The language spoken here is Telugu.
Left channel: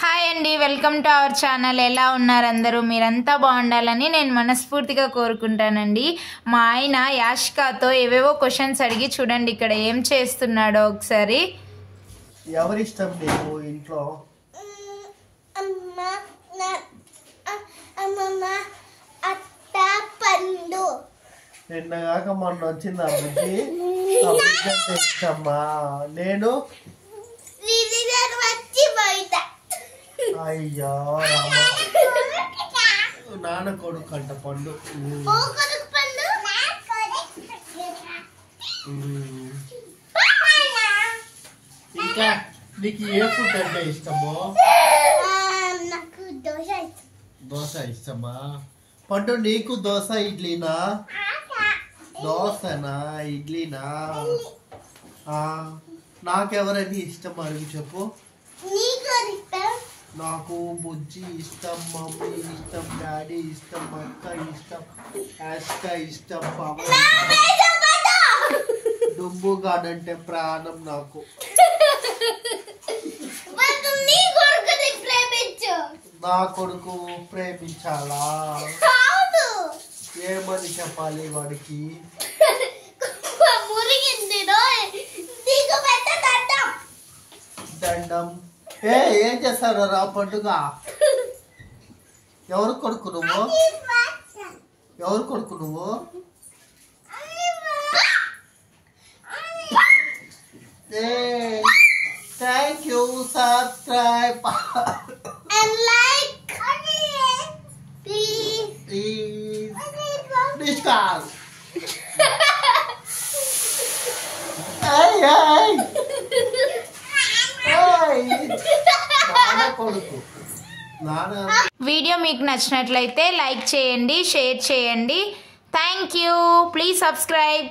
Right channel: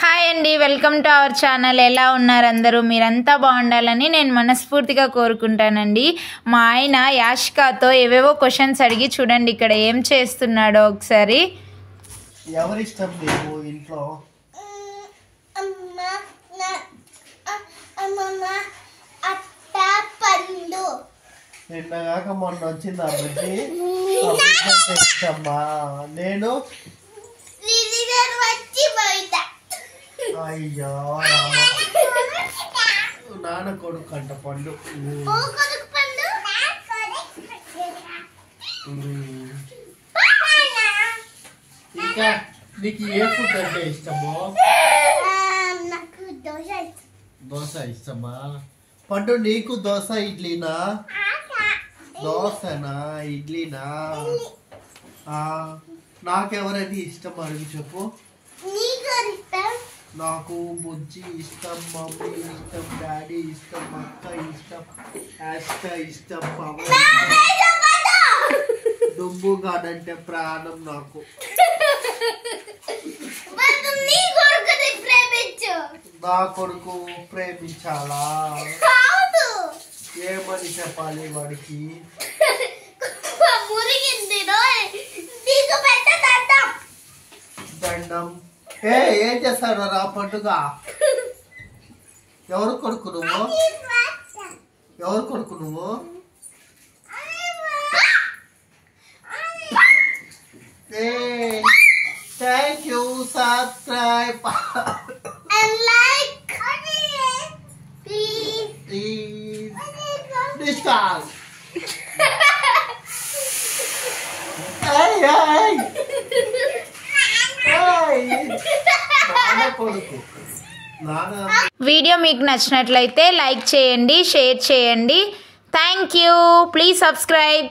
హాయ్ అండి, వెల్కమ్ టు అవర్ ఛానల్. ఎలా ఉన్నారు అందరూ? మీరంతా బాగుండాలని నేను మనస్ఫూర్తిగా కోరుకుంటానండి. మా ఆయన యాష్కాతో ఏవేవో క్వశ్చన్స్ అడిగి చూడండి ఇక్కడ ఏం చేస్తున్నాడో ఒకసారి. ఎవరిష్టం నీకు ఇంట్లో? నిన్నగాక మొన్న వచ్చింది అభివృద్ధి ఇష్టమ్మా. నేను అయ్యో రామా, నాన్న కొడుకు అంట పండు. ఇంకా నీకు ఏ ఫుడ్ అంటే ఇష్టమో? దోశ ఇష్టమా? పండు నీకు దోశ ఇడ్లీనా? దోశనా ఇడ్లీనా? నాకెవరని ఇష్టం అడిగి చెప్పు. నాకు బుజ్జి ఇష్టం, మమ్మీ ఇష్టం, డాడీ ఇష్టం, అక్క ఇష్టం, యాష్క ఇష్టం, పవన్ డుంబు గాడంటే ప్రాణం నాకు. నా కొడుకు ప్రేమించాలా? ఏమని చెప్పాలి వాడికి? దండం. ఏం చేస్తాడు రా పండుగ? ఎవరు కొడుకు నువ్వు? ఎవరు కొడుకు నువ్వు? Thank you. సబ్స్క్రైబ్ డిస్కాల్. వీడియో మీకు నచ్చినట్లయితే లైక్ చేయండి, షేర్ చేయండి. Thank you. Please subscribe.